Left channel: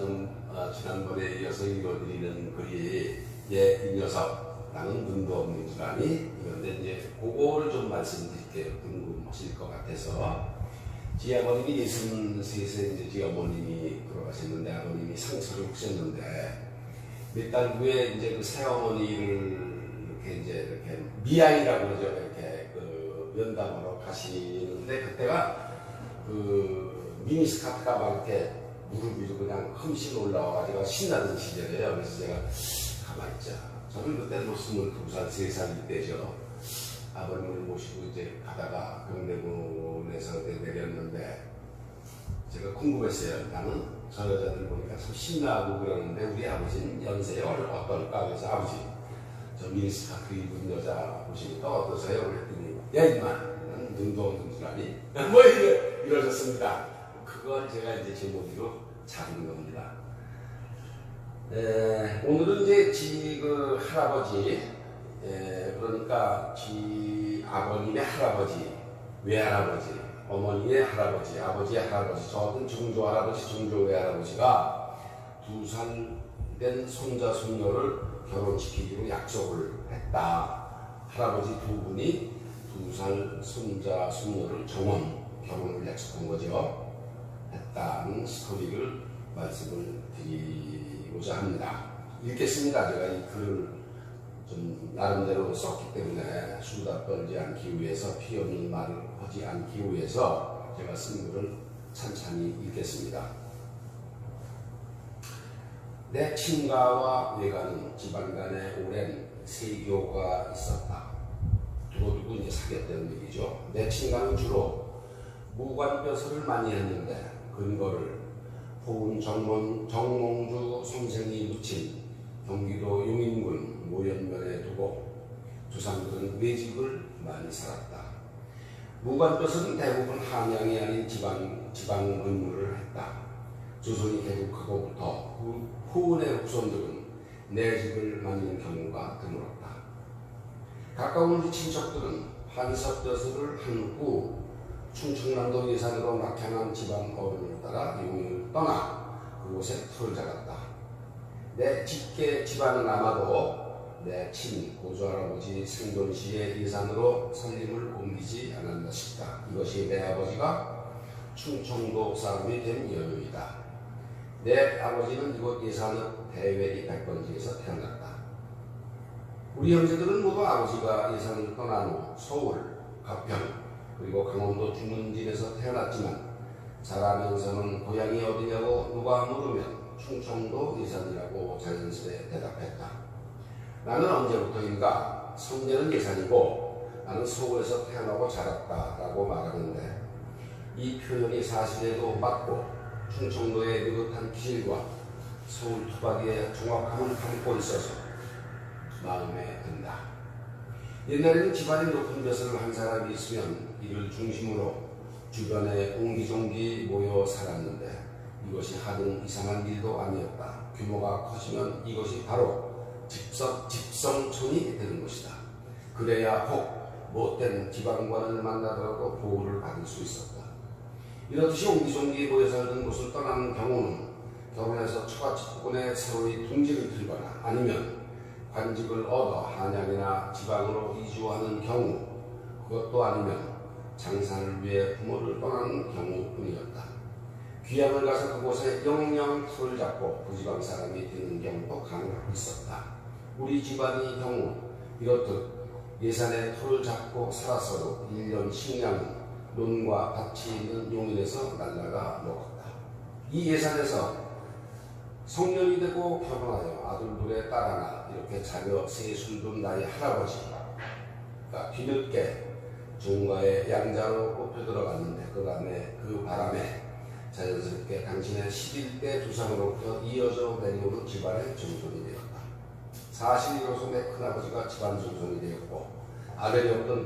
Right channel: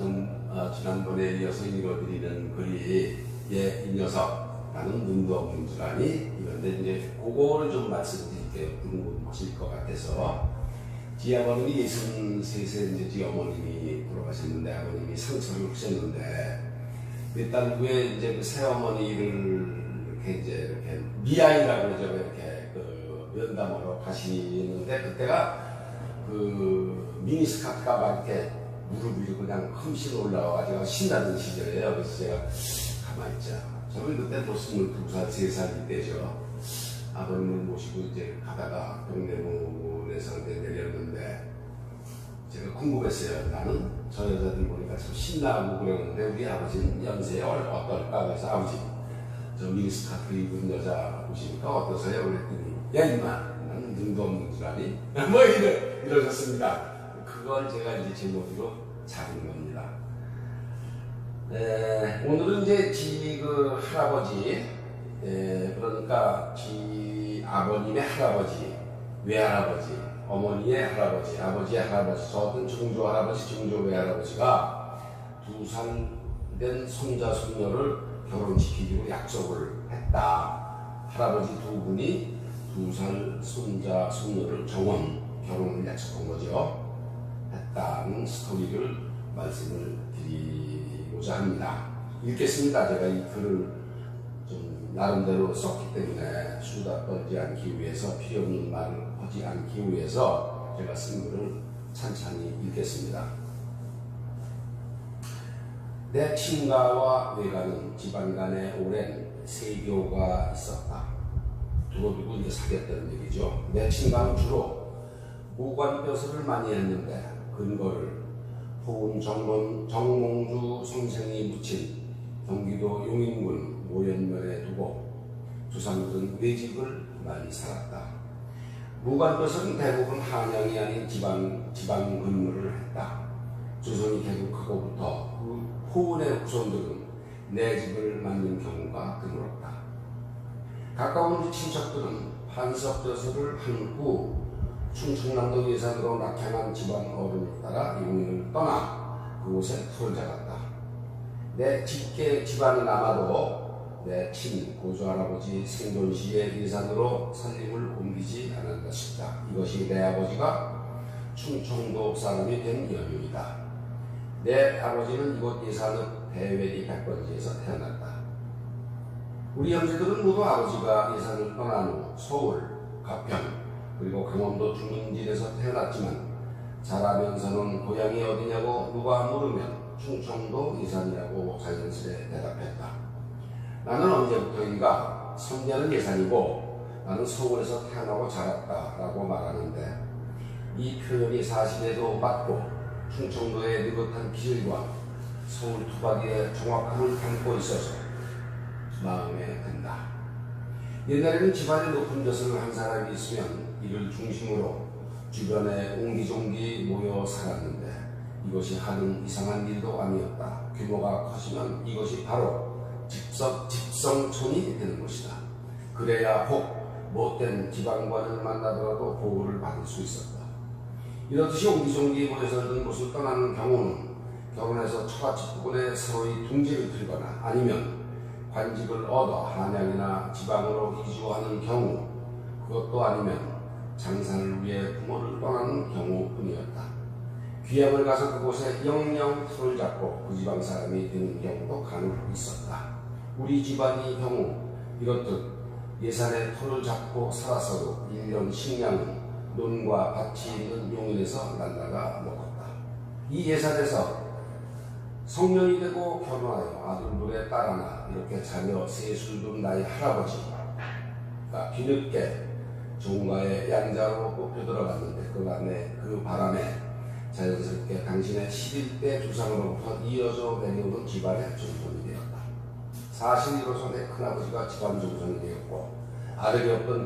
지금 지난번에 이어서 읽어드리는 글이 이 녀석 나는 눈도 없는 줄 아니? 그런데 이제 그거를 좀 말씀드릴게요. 궁금하실 것 같아서. 지 아버님이 63세 이제 지 어머님이 돌아가셨는데 아버님이 상처를 하셨는데 몇 달 후에 이제 그 새어머니를 이렇게 미아이라고 그러죠. 이렇게 그 면담하러 가시는데 그때가 그 미니스카트가 막 이렇게 무릎 위로 그냥 흠씬 올라와가지고 신나는 시절이에요. 그래서 제가 가만히 있자. 저는 그때 뭐 22살, 3살 때죠. 아버님을 모시고 이제 가다가 병대문에서 내렸는데 제가 궁금했어요. 나는 저 여자들 보니까 참 신나고 그러는데 우리 아버지는 연세에 어떨까? 그래서 아버지 저 미니스카트 입은 여자 보시니까 어떠세요? 그랬더니 야 임마 나는 눈도 없는 줄 아니? 뭐 이러셨습니다. 그걸 제가 이제 제목으로 잡은 겁니다. 오늘은 이제 그 할아버지, 그러니까 지 아버님의 할아버지, 외할아버지, 어머니의 할아버지, 아버지의 할아버지, 저는 증조 할아버지, 증조 외할아버지가 2살 된 손자, 손녀를 결혼시키기로 약속을 했다. 할아버지 두 분이 2살 손자, 손녀를 결혼을 약속한 거죠. 했다는 스토리를 말씀을 드리고자 합니다. 읽겠습니다. 제가 이 글을 좀 나름대로 썼기 때문에 수다 떨지 않기 위해서 필요 없는 말을 하지 않기 위해서 제가 쓴 글을 찬찬히 읽겠습니다. 내 친가와 외가는 집안 간에 오랜 세교가 있었다. 두고두고 이제 사귀었다는 얘기죠. 내 친가는 주로 무관벼슬을 많이 했는데 근거를 포운 정몽주 선생이 묻힌 경기도 용인군 모연면에 두고 조상들은 외직을 많이 살았다. 무관벼슬은 대부분 한양이 아닌 지방 근무를 했다. 조선이 개국하고부터 후운의 후손들은 내직을 맡는 경우가 드물었다. 가까운 우리 친척들은 판석벼슬을 한 후 충청남도 예산으로 낙향한 집안 어른을 따라 용인을 떠나 그곳에 터를 잡았다. 내 직계 집안은 아마도 내 친 고조할아버지 생존 시의 예산으로 살림을 옮기지 않았나 싶다. 이것이 내 아버지가 충청도 사람이 된 연유이다. 내 아버지는 이곳 예산읍 대외리 백번지에서 태어났다. 우리 형제들은 모두 아버지가 예산을 떠난 후 서울, 가평, 그리고 강원도 주문진에서 태어났지만 자라면서는 고향이 어디냐고 누가 물으면 충청도 예산이라고 자연스레 대답했다. 나는 언제부터인가 선녀는 예산이고 나는 서울에서 태어나고 자랐다라고 말하는데 이 표현이 사실에도 맞고 충청도의 느긋한 기질과 서울 토박이의 정확함을 담고 있어서 마음에 든다. 옛날에는 집안에 높은 벼슬을 한 사람이 있으면 이를 중심으로 주변에 옹기종기 모여 살았는데 이것이 하등 이상한 일도 아니었다. 규모가 커지면 이것이 바로 집성촌이 되는 것이다. 그래야 혹 못된 지방관을 만나더라도 보호를 받을 수 있었다. 이렇듯이 옹기종기 모여 살던 곳을 떠나는 경우는 결혼해서 처갓집 부근에 서로의 둥지를 들거나 아니면 관직을 얻어 한양이나 지방으로 이주하는 경우, 그것도 아니면 장사를 위해 부모를 떠나는 경우뿐이었다. 귀향을 가서 그곳에 영영 터를 잡고 그 지방 사람이 되는 경우도 간혹 있었다. 우리 집안의 경우 이렇듯 예산에 터를 잡고 살았어도 1년 식량은 논과 밭이 있는 용인에서 날라가 먹었다. 이 예산에서 성년이 되고 결혼하여 아들 둘에 딸 하나 이렇게 자녀 셋을 둔 나의 할아버지가 뒤늦게 종가의 양자로 뽑혀 들어갔는데 그 바람에 자연스럽게 당신의 11대 조상으로부터 이어져 내려오는 집안의 정손이 되었다. 사실 이로써 내 큰아버지가 집안 정손이 되었고 아들이 없던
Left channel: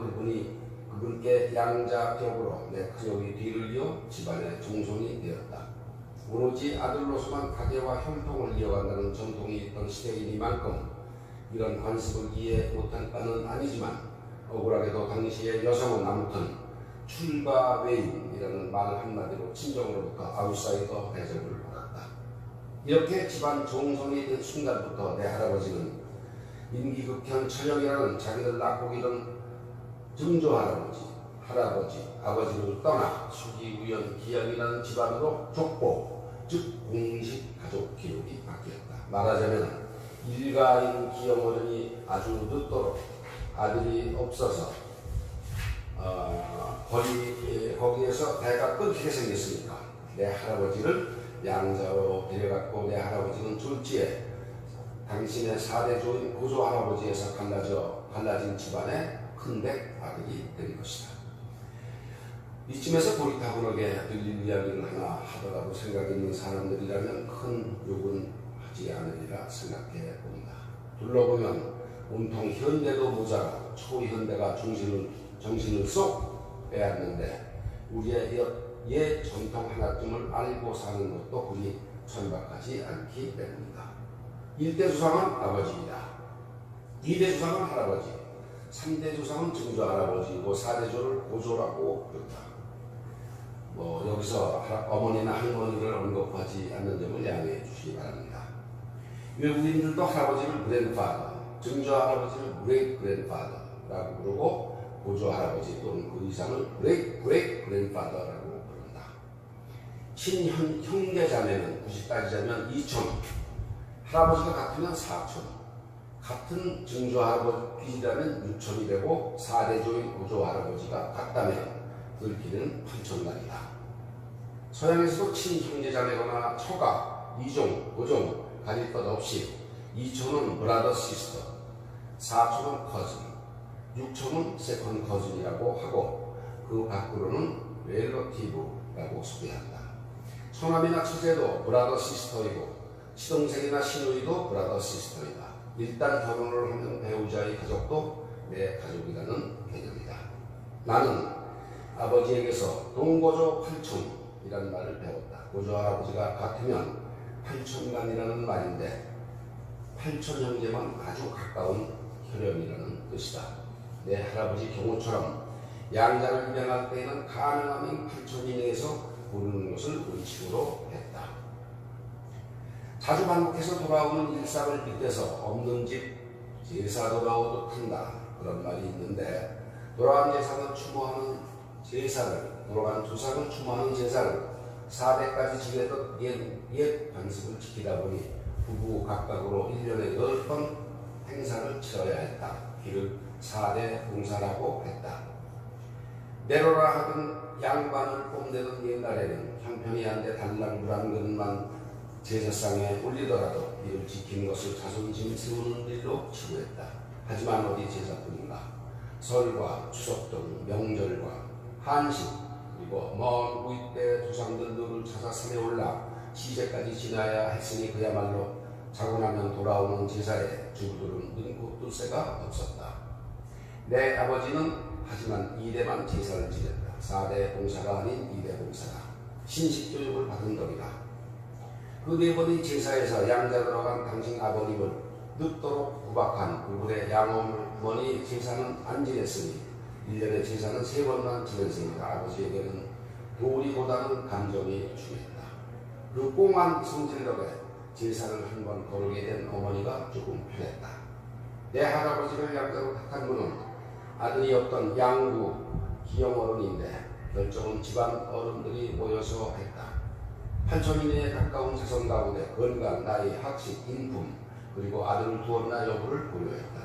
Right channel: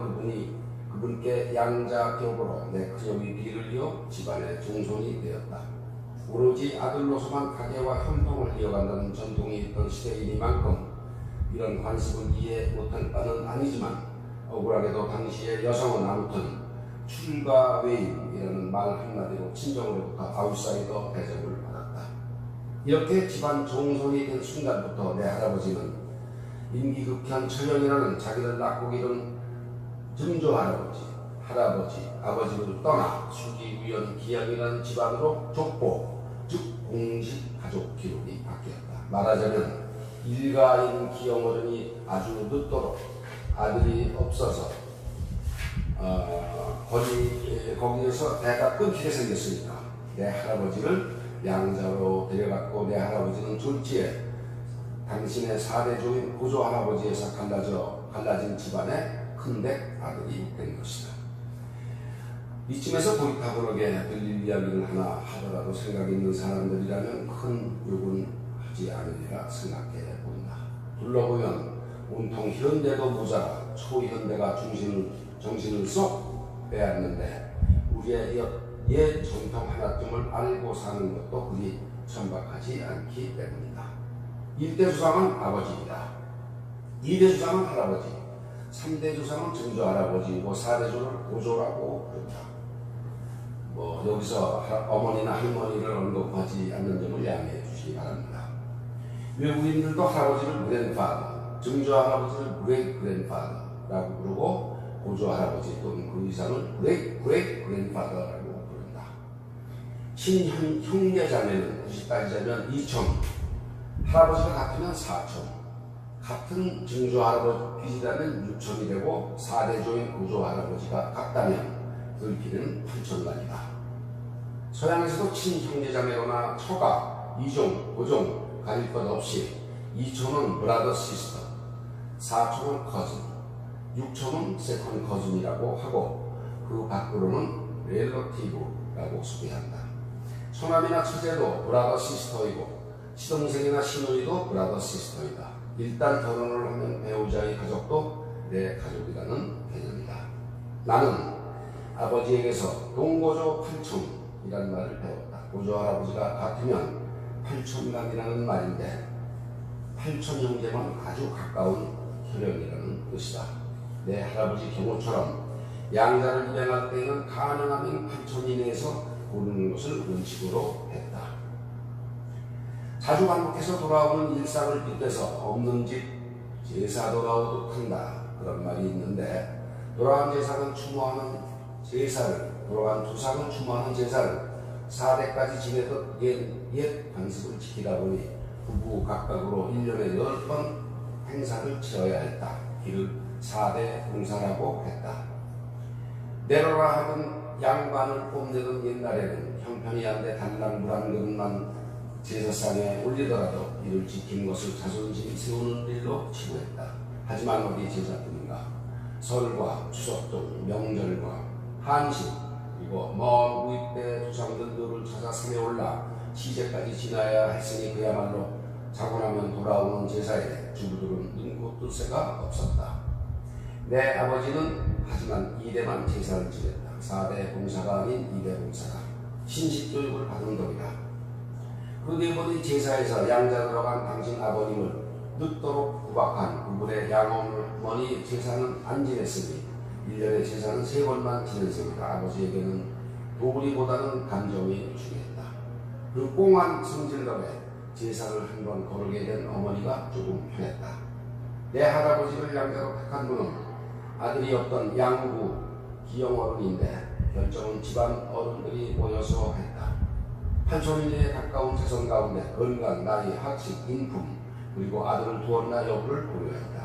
그분께 양자격으로 내 큰형이 뒤를 이어 집안의 정손이 되었다. 오로지 아들로서만 가계와 형통을 이어간다는 전통이 있던 시대이니만큼 이런 관습을 이해 못할 바는 아니지만 억울하게도 당시의 여성은 아무튼 출가 외인이라는 말 한마디로 친정으로부터 아웃사이더 대접을 받았다. 이렇게 집안 종손이 된 순간부터 내 할아버지는 임기극현 처형이라는 자기를 낳고 기른 증조 할아버지, 아버지를 떠나 수기우연 기양이라는 집안으로 족보, 즉 공식 가족 기록이 바뀌었다. 말하자면 일가인 기영어른이 아주 늦도록 아들이 없어서 거기에서 대가 끊기게 생겼으니까 내 할아버지를 양자로 데려갔고 내 할아버지는 졸지에 당신의 4대 조인 고조 할아버지에서 갈라진 집안의 큰댁 아들이 된 것이다. 이쯤에서 고리타분하게 들릴 이야기를 하나 하더라도 생각 있는 사람들이라면 큰 욕은 하지 않으리라 생각해 본다. 둘러보면 온통 현대도 모자라 초현대가 정신을 쏙 빼앗는데 우리의 옛 전통 하나쯤을 알고 사는 것도 그리 천박하지 않기 때문이다. 1대 주상은 아버지이다. 2대 주상은 할아버지, 3대 주상은 증조 할아버지이고 4대 조를 고조라고 부른다. 여기서 어머니나 할머니를 언급하지 않는 점을 양해해 주시기 바랍니다. 외국인들도 할아버지를 그랜파더, 증조 할아버지를 그레이트 그랜파더라고 부르고 고조 할아버지 또는 그 이상을 그레이트 그랜파더라고 부른다. 친형제 자매는 굳이 따지자면 2촌, 할아버지가 같으면 4촌, 같은 증조 할아버지라면 6촌이 되고 4대 조인 고조 할아버지가 같다면 들기는 8촌간이다. 서양에서도 친형제자매거나 처가, 이종, 고종 가릴 것 없이 2촌은 브라더 시스터, 4촌은 커즌, 6촌은 세컨 커즌이라고 하고 그 밖으로는 렐러티브라고 소개한다. 처남이나 처제도 브라더 시스터이고 시동생이나 시누이도 브라더 시스터이다. 일단 결혼을 하면 배우자의 가족도 내 가족이라는 개념이다. 나는 아버지에게서 동고조 8촌이라는 말을 배웠다. 고조 할아버지가 같으면 8촌간이라는 말인데 8촌 형제만 아주 가까운 혈연이라는 뜻이다. 내 할아버지 경우처럼 양자를 입양할 때에는 가능하면 8촌 이내에서 고르는 것을 원칙으로 했다. 자주 반복해서 돌아오는 일상을 빗대서 없는 집 제사 돌아오듯 한다. 그런 말이 있는데 돌아간 제사는 추모하는 제사를, 돌아간 조상을 추모하는 제사를 4대까지 지내던 옛 관습을 지키다 보니 부부 각각으로 1년에 10번 행사를 치러야 했다. 이를 4대 봉사라고 했다. 내로라 하던 양반을 뽐내던 옛날에는 형편이 안 돼 단랑불안 그릇만 제사상에 올리더라도 이를 지키는 것을 자존심 세우는 일로 치부했다. 하지만 어디 제사뿐인가? 설과 추석 등 명절과 한식 그리고 먼 우입대 조상들을 찾아 산에 올라 시제까지 지나야 했으니 그야말로 자고 나면 돌아오는 제사에 주부들은 눈코 뜰 새가 없었다. 내 아버지는 하지만 2대만 제사를 지냈다. 4대 봉사가 아닌 2대 봉사가 신식교육을 받은 덕이다. 그 네 번의 제사에서 양자 들어간 당신 아버님을 늦도록 구박한 그분의 양어머니 제사는 안 지냈으니 1년에 제사는 3번만 지냈으니까 아버지에게는 도리보다는 감정이 중요했다. 그 꽁한 성질 덕에 제사를 한 번 거르게 된 어머니가 조금 편했다. 내 할아버지를 양자로 택한 분은 아들이 없던 양구 기영어른인데 결정은 집안 어른들이 모여서 했다. 8촌 이내에 가까운 자손 가운데 건강, 나이, 학식, 인품 그리고 아들을 두었나 여부를 고려했다.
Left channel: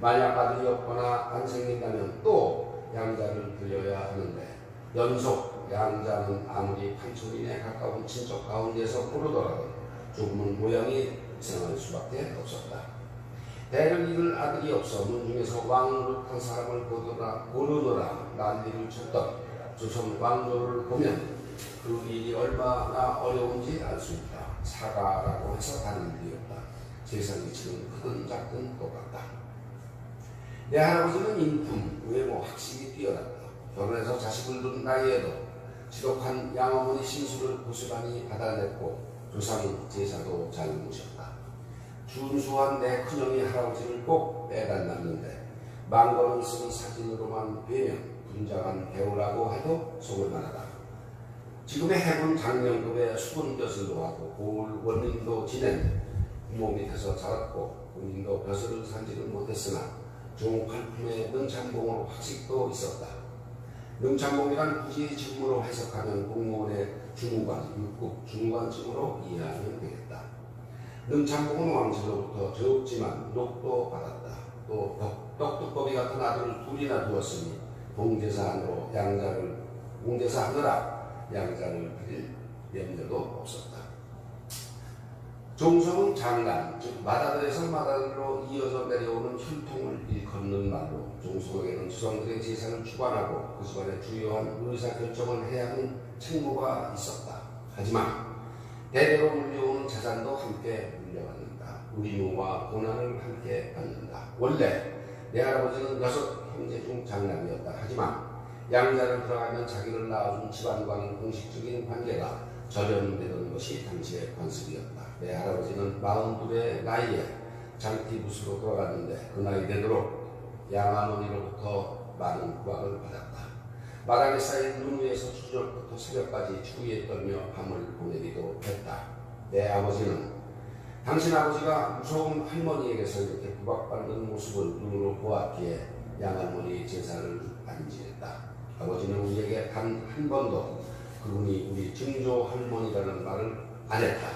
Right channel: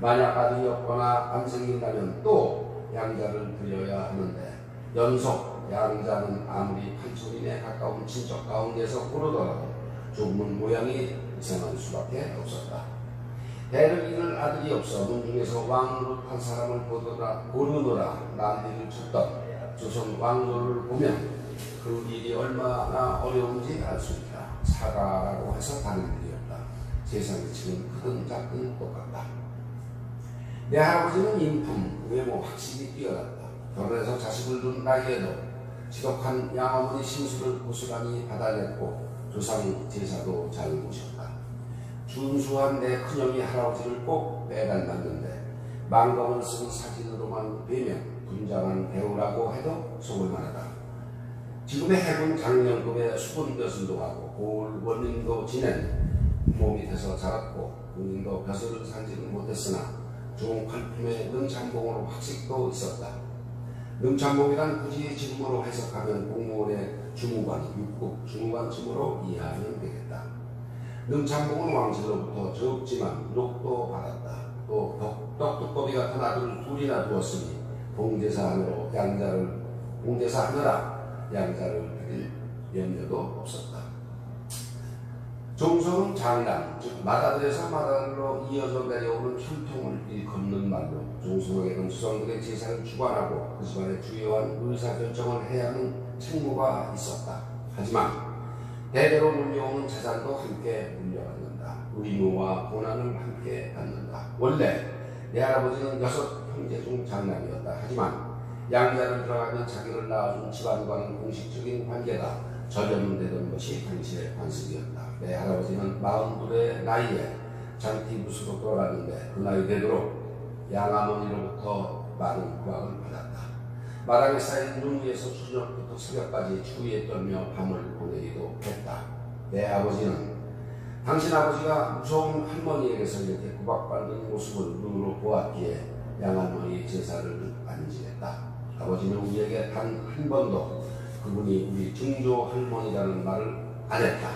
만약 아들이 없거나 안 생긴다면 또 양자를 드려야 하는데 연속 양자는 아무리 8촌 이내에 가까운 친척 가운데서 고르더라도 조금은 모양이 이상할 수밖에 없었다. 대를 이을 아들이 없어 문중에서 왕노릇한 사람을 고르느라 난리를 쳤던 조선 왕조를 보면 그 일이 얼마나 어려운지 알 수 있다. 사가라고 해서 다른 일이었다. 세상의 지금 크든 작든 똑같다. 내 할아버지는 인품, 외모, 학식이 뛰어났다. 결혼해서 자식을 둔 나이에도 지독한 양어머니 신수를 고스란히 받아냈고 조상 제사도 잘 모셨다. 준수한 내 큰형이 할아버지를 꼭 빼간다는데 망검을 쓴 사진으로만 뵈면 분장한 배우라고 해도 속을 만하다. 지금의 해군 장령급의 수군 벼슬도 하고 고을 원님도 지낸 부모 밑에서 자랐고 본인도 벼슬을 살지는 못했으나 좋은 칼품의 능참봉으로 학식도 있었다. 능참봉이란 굳이 지금으로 해석하면 공무원의 주무관, 육급 주무관쯤으로 이해하면 되겠다. 능참봉은 왕실로부터 적지만 유록도 받았다. 또 덕두꺼비 같은 아들을 둘이나 두었으니 봉제사하느라 양자를 드릴 염려도 없었다. 종성은 장남, 즉 맏아들에서 맏아들로 이어져 내려오는 혈통을 일컫는 말로 종성에게는 수성들의 제사를 주관하고 그 집안의 주요한 의사결정을 해야 하는 책무가 있었다. 하지만 대대로 물려오는 재산도 함께 물려받는다. 의무와 고난을 함께 받는다. 원래 내 할아버지는 6 형제 중 장남이었다. 하지만 양자를 들어가면 자기를 낳아준 집안과는 공식적인 관계가 절연되던 것이 당시의 관습이었다. 내 할아버지는 42의 나이에 장티부스로 돌아갔는데 그 나이 되도록 양아머니로부터 많은 구박을 받았다. 마당에 쌓인 눈 위에서 저녁부터 새벽까지 추위에 떨며 밤을 보내기도 했다. 내 아버지는 당신 아버지가 무서운 할머니에게서 이렇게 구박받는 모습을 눈으로 보았기에 양할머니 제사를 안 지냈다. 아버지는 우리에게 단 한 번도 그분이 우리 증조 할머니라는 말을 안 했다.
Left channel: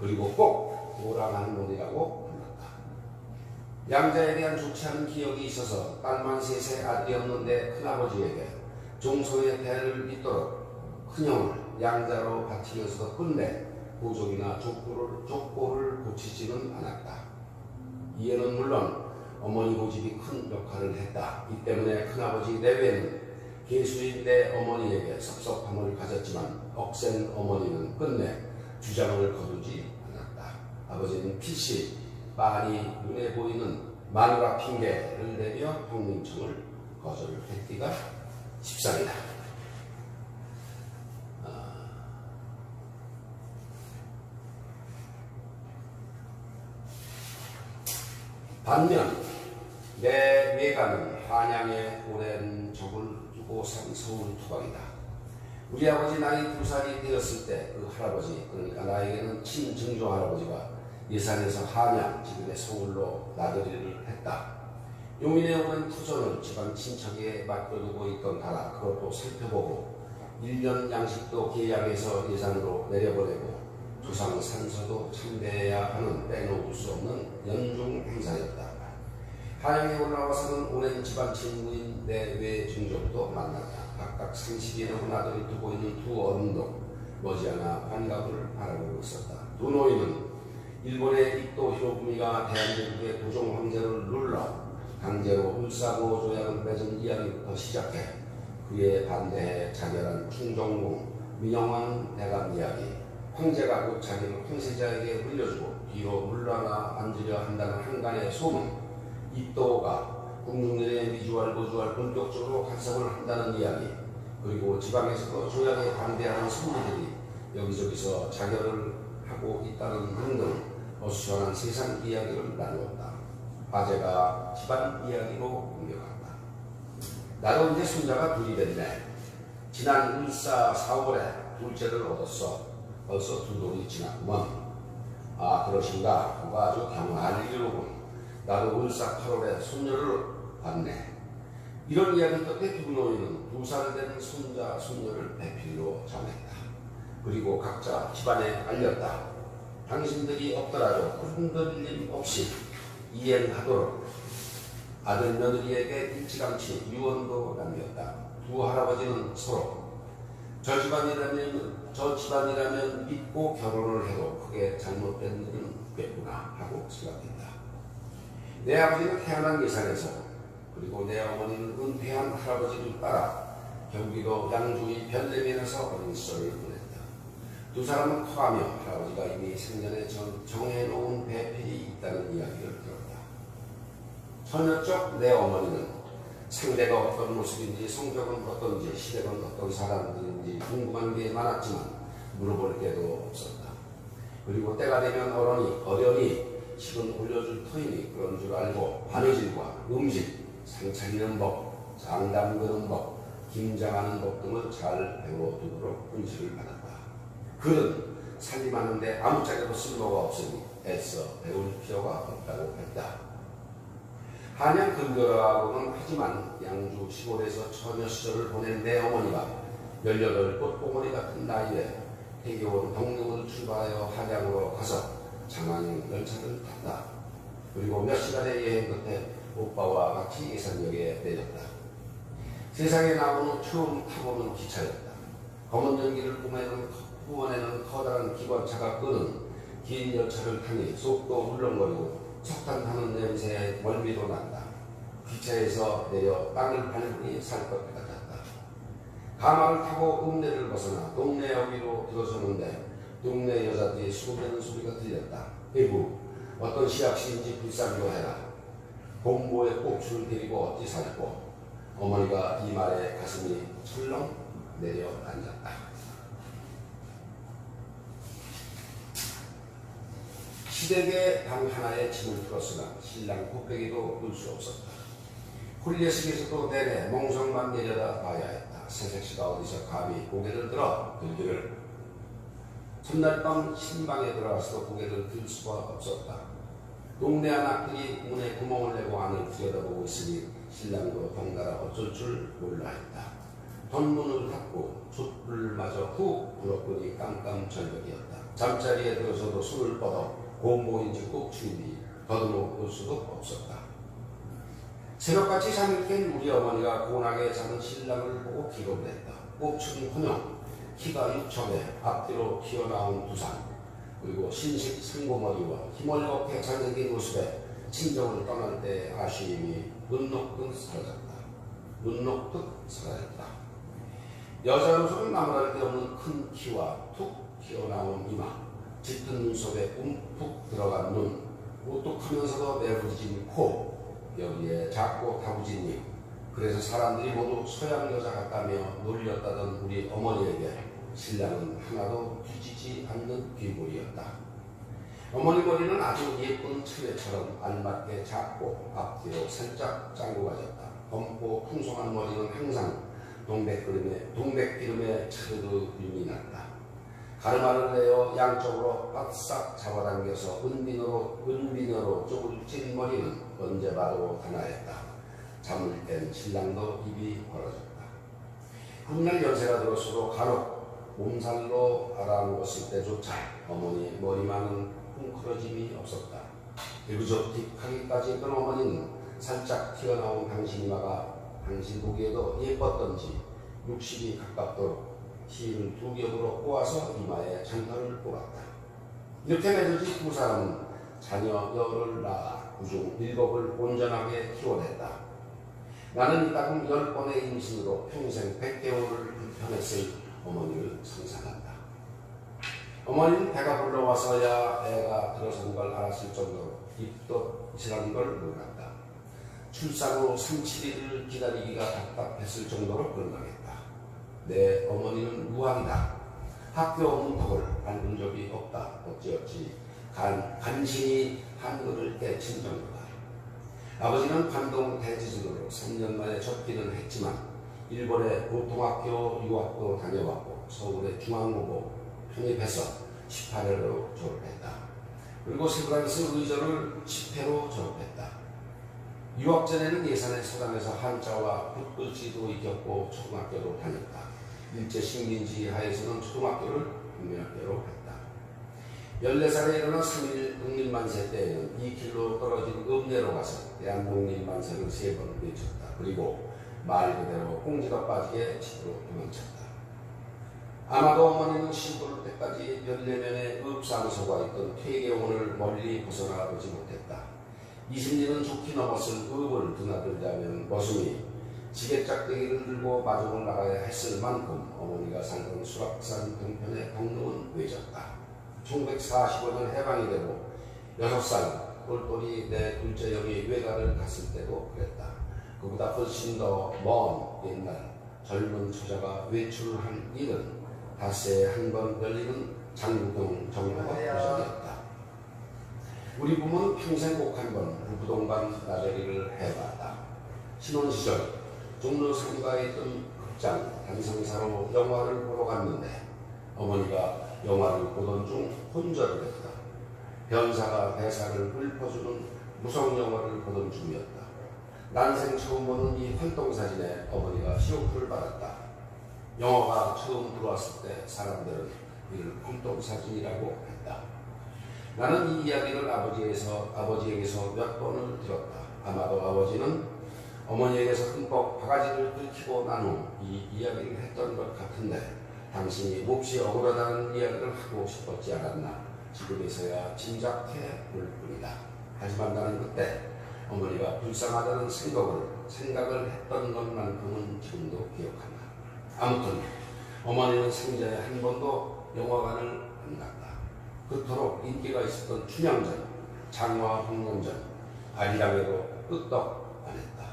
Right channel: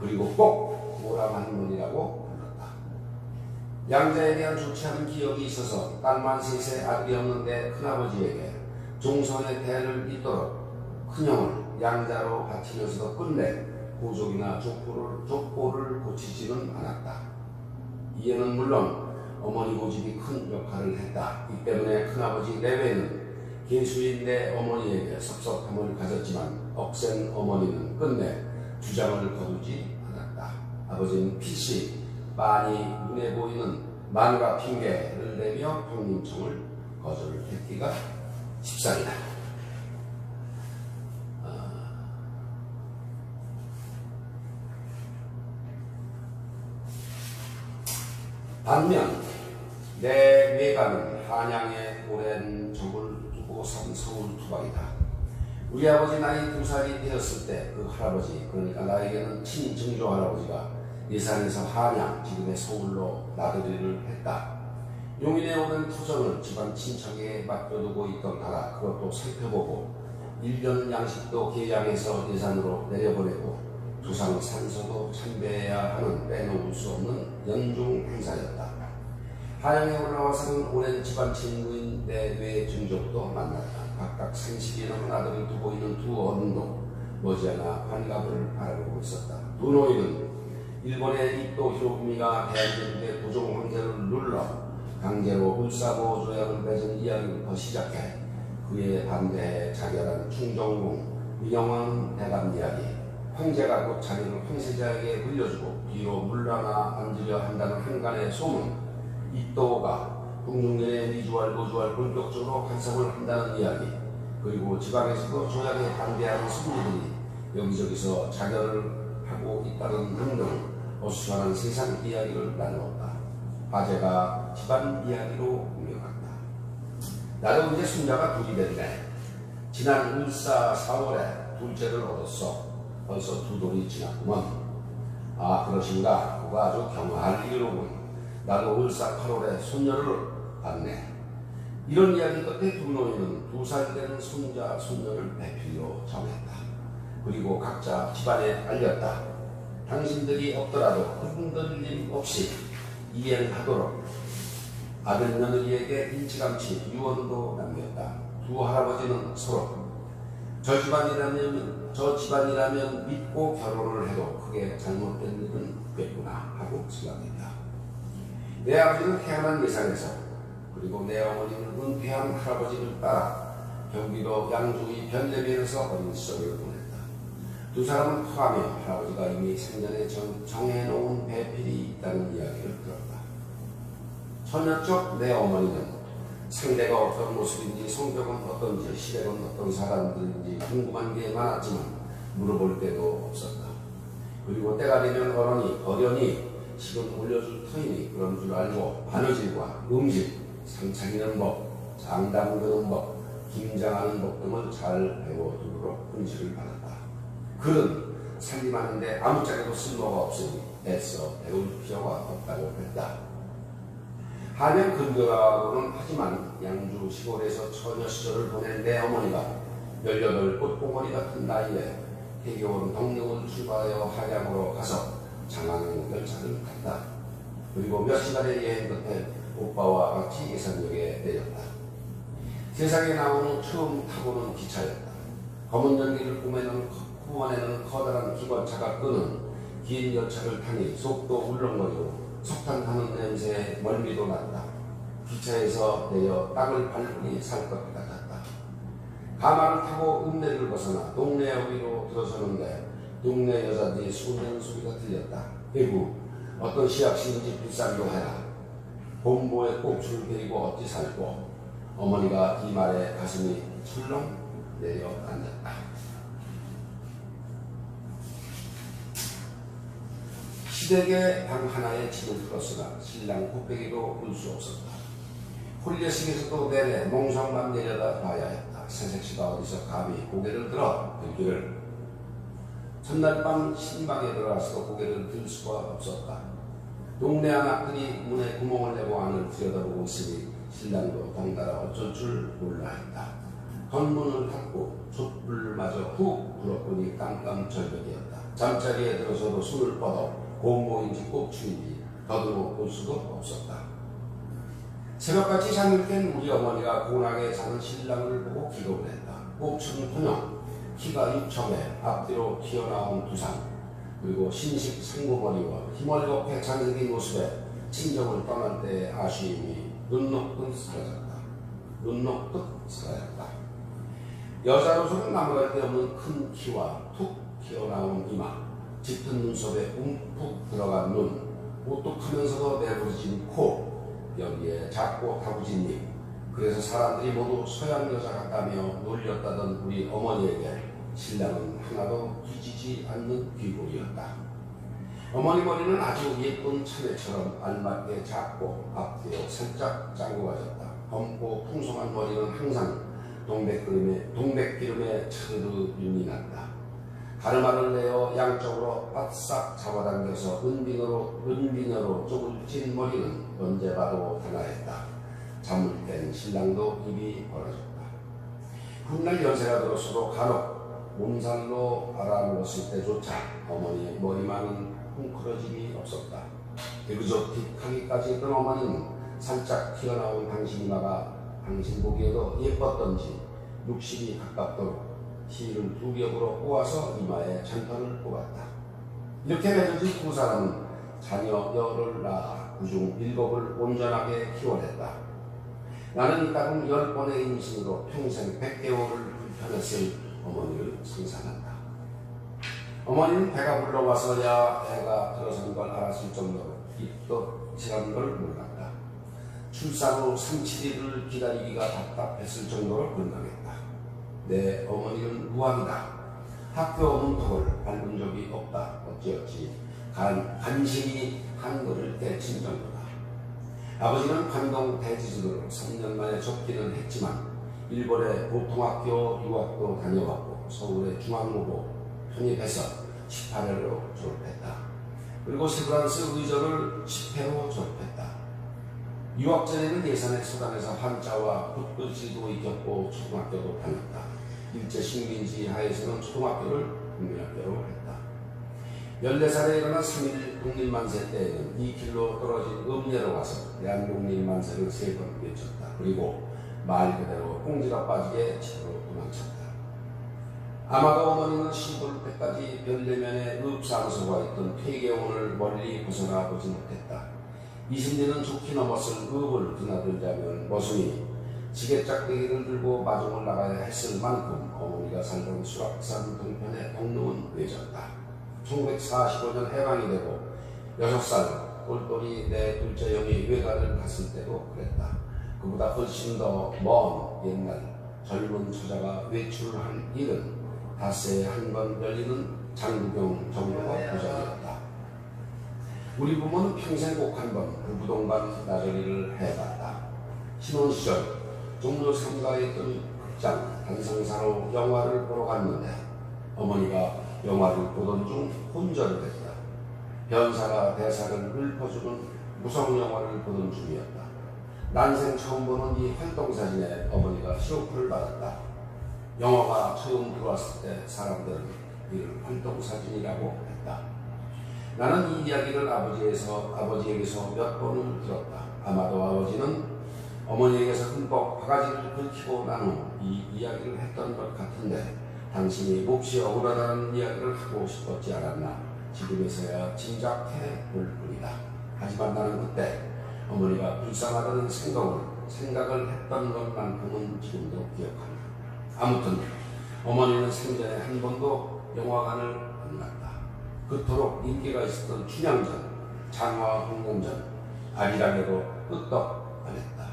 그리고 꼭 모랑 할머니라고 불렀다. 양자에 대한 좋지 않은 기억이 있어서 딸만 셋의 아들이 없는데 큰아버지에게 종성의 대를 잇도록 큰형을 양자로 바치면서도 끝내 고족이나 족보를 고치지는 않았다. 이에는 물론 어머니 고집이 큰 역할을 했다. 이 때문에 큰아버지 내외는 계수인 내 어머니에게 섭섭함을 가졌지만 억센 어머니는 끝내 주장을 거두지 않았다. 아버지는 필시 많이 눈에 보이는 마누라 핑계를 내며 형님청을 거절했기가 십상이다. 반면 내 외가는 한양에 오랜 적을 두고 산 서울 토박이다. 우리 아버지 나이 2살이 되었을 때 그 할아버지, 그러니까 나에게는 친증조 할아버지가 예산에서 한양, 지금의 서울로 나들이를 했다. 용인에 오는 터전을 집안 친척에 맡겨두고 있던 나라, 그것도 살펴보고 1년 양식도 계양해서 예산으로 내려보내고 조상 산서도 참배해야 하는 빼놓을 수 없는 연중 행사였다. 한양에 올라와서는 오랜 집안 친구인 내 외증족도 만났다. 각각 30이 넘은 아들을 두고 있는 두 어른도 머지않아 환갑을 바라보고 있었다. 두 노인은 일본의 이토 히로부미가 대한민국의 고종 황제를 눌러 강제로 을사고 조약을 맺은 이야기부터 시작해 그에 반대해 자결한 충정공 민영왕 대감 이야기, 황제가 곧 자기를 황세자에게 물려주고 비로 물러나 앉으려 한다는 한간의 소문, 이또가 궁중내의 미주알 고주알 본격적으로 간섭을 한다는 이야기, 그리고 지방에서도 조약에 반대하는 승리들이 여기저기서 자결을 하고 있다는 등등 어수선한 세상 이야기를 나누었다. 화제가 집안 이야기로 옮겨갔다. 나도 이제 손자가 둘이 됐네. 지난 을사 4월에 둘째를 얻었어. 벌써 2돌이 지났구먼. 아, 그러신가? 그거 아주 경화할 일이로군. 나도 을사 8월에 손녀를 봤네. 이런 이야기 끝에 두 노인은 2살 된 손자, 손녀를 배필로 정했다. 그리고 각자 집안에 알렸다. 당신들이 없더라도 흔들림 없이 이행하도록 아들 며느리에게 일찌감치 유언도 남겼다. 두 할아버지는 서로 저 집안이라면 믿고 결혼을 해도 크게 잘못된 일은 없겠구나 하고 생각했다. 내 아버지는 태어난 예산에서, 그리고 내 어머니는 은퇴한 할아버지를 따라 경기도 양주의 변대면에서 어린 시절을 보냈다. 두 사람은 커가며 할아버지가 이미 생전에 정해놓은 배필이 있다는 이야기를 들었다. 처녀 쪽 내 어머니는 상대가 어떤 모습인지, 성격은 어떤지, 시댁은 어떤 사람들인지 궁금한 게 많았지만 물어볼 데도 없었다. 그리고 때가 되면 어련히 식은 올려줄 터이니 그런 줄 알고 바느질과 음식, 상 차리는 법, 장담 그는 법, 김장하는 법 등을 잘 배워두도록 훈시를 받았다. 그는 살림하는데 아무짝에도 쓸모가 없으니 애써 배울 필요가 없다고 했다. 한양 근교라고는 하지만 양주 시골에서 처녀 시절을 보낸 내 어머니가 18 꽃봉오리 같은 나이에 해겨운 덕릉을 출발하여 한양으로 가서 장안행 열차를 탔다. 그리고 몇 시간의 여행 끝에 오빠와 같이 예산역에 내렸다. 세상에 나온 후 처음 타보는 기차였다. 검은 연기를 뿜어내는 커다란 기관차가 끄는 긴 열차를 타니 속도 울렁거리고 석탄 타는 냄새에 멀미도 난다. 기차에서 내려 땅을 밟으니 살 것 같았다. 가마를 타고 읍내를 벗어나 동네 어귀로 들어서는데 동네 여자들이 수고대는 소리가 들렸다. 에구, 어떤 시약시인지 불쌍히도 해라. 봄보에 꽃을 데리고 어찌 살고. 어머니가 이 말에 가슴이 철렁 내려앉았다. 시댁의 방 하나에 짐을 풀었으나 신랑 곱빼기도 볼 수 없었다. 홀례식에서도 내내 몽성만 내려다 봐야 했다. 새색시가 어디서 감히 고개를 들어 들기를. 첫날 밤 신방에 들어가서도 고개를 들 수가 없었다. 동네 아낙들이 문에 구멍을 내고 안을 들여다보고 있으니 신랑도 덩달아 어쩔 줄 몰라 했다. 덧문을 닫고 촛불마저 훅 불었더니 깜깜절벽이었다. 잠자리에 들어서도 숨을 뻗어 곰보인지 꼭추인지 더듬어 볼 수도 없었다. 새벽같이 잠을 깬 우리 어머니가 고나게 자는 신랑을 보고 기겁을 했다. 꼽추는 혼영, 키가 6척에 앞뒤로 튀어나온 두상, 그리고 신식 상고머리와 희멀겋게 잘생긴 모습에 친정을 떠날 때의 아쉬움이 눈 녹듯 사라졌다. 여자로서는 나무랄 데 없는 큰 키와 툭 튀어나온 이마, 짙은 눈썹에 움푹 들어간 눈, 오뚝하면서도 매부러진 코, 여기에 작고 다부진 입. 그래서 사람들이 모두 서양 여자 같다며 놀렸다던 우리 어머니에게 신랑은 하나도 뒤지지 않는 귀골이었다. 어머니 머리는 아주 예쁜 처레처럼 알맞게 작고 앞뒤로 살짝 짱구가졌다. 검고 풍성한 머리는 항상 동백기름에 차르르 윤이 났다. 가르마를 내어 양쪽으로 바싹 잡아당겨서 은비너로 쪽을 찐 머리는 언제 봐도 하나였다. 잠을 깬 신랑도 입이 벌어졌다. 훗날 연세가 들었어도 간혹 몸살로 알아누웠을 때조차 어머니의 머리만은 웅크러짐이 없었다. 에그조틱하기까지 했던 어머니는 살짝 튀어나온 당신이마가 당신 보기에도 예뻤던지 60이 가깝도록 실을 2겹으로 꼬아서 이마에 장터를 뽑았다. 이렇게 맺어진 두 사람은 자녀 10을 낳아 그중 7을 온전하게 키워냈다. 나는 이따금 10번의 임신으로 평생 100개월을 불편했을 어머니를 상상한다. 어머니는 배가 불러와서야 애가 들어선 걸 알았을 정도로 입덧이라는 걸 몰랐다. 출산 후 3, 7일을 기다리기가 답답했을 정도로 건강했다. 내 어머니는 무학이다. 학교 없는 덕을 밟은 적이 없다. 어찌어찌 간신히 한글을 떼친 정도다. 아버지는 관동 대지진으로 3년 만에 접기는 했지만 일본의 보통학교 유학도 다녀왔고 서울의 중앙고고 편입해서 18회로 졸업했다. 그리고 세브란스 의전을 10회로 졸업했다. 유학 전에는 예산의 서당에서 한자와 붓글씨도 익혔고 초등학교도 다녔다. 일제 식민지 하에서는 초등학교를 국민학교로 했다. 14살에 일어나 3일 독립만세 때에는 2km 떨어진 읍내로 가서 대한독립만세를 3번 외쳤다. 그리고 말 그대로 꽁지가 빠지게 집으로 도망쳤다. 아마도 어머니는 시골 때까지 별내면에 읍사무소가 있던 퇴계원을 멀리 벗어나 보지 못했다. 20년은 좋게 넘었을 읍을 드나들자면 머슴이 지게짝대기를 들고 마중을 나가야 했을 만큼 어머니가 살던 수락산 동편의 덕릉은 외졌다. 1945년 해방이 되고 6살 똘똘이 내 둘째 형이 외가를 갔을 때도 그랬다. 그보다 훨씬 더 먼 옛날 젊은 처자가 외출한 일은 닷새에 한 번 열리는 장구경 정도가 고전이었다. 우리 부모는 평생 꼭 한 번 부부동반 나저리를 해봤다. 신혼시절 종로 상가에 있던 극장 단상사로 영화를 보러 갔는데 어머니가 영화를 보던 중 혼절을 했다. 변사가 대사를 읊어주는 무성 영화를 보던 중이었다. 난생 처음 보는 이 활동사진에 어머니가 시호크를 받았다. 영화가 처음 들어왔을 때 사람들은 이를 활동사진이라고 했다. 나는 이 이야기를 아버지에게서 몇 번을 들었다. 아마도 아버지는 어머니에게서 흠뻑 바가지를 긁히고 난 후 이 이야기를 했던 것 같은데 당신이 몹시 억울하다는 이야기를 하고 싶었지 않았나 지금에서야 짐작해 볼 뿐이다. 하지만 나는 그때 어머니가 불쌍하다는 생각을 했던 것만큼은 지금도 기억한다. 아무튼 어머니는 생전에 한 번도 영화관을 안 갔다. 그토록 인기가 있었던 춘향전, 장화홍련전, 아리랑에도 끄떡 안 했다.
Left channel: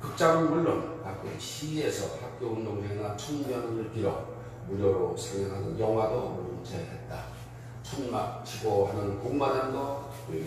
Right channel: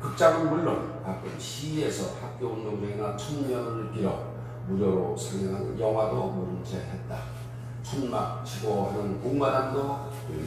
극장은 물론 가끔 시에서 학교 운동장이나 청년을 빌어 무료로 상영하는 영화도 모른 채 했다. 천막 치고 하는 공마담도 조용히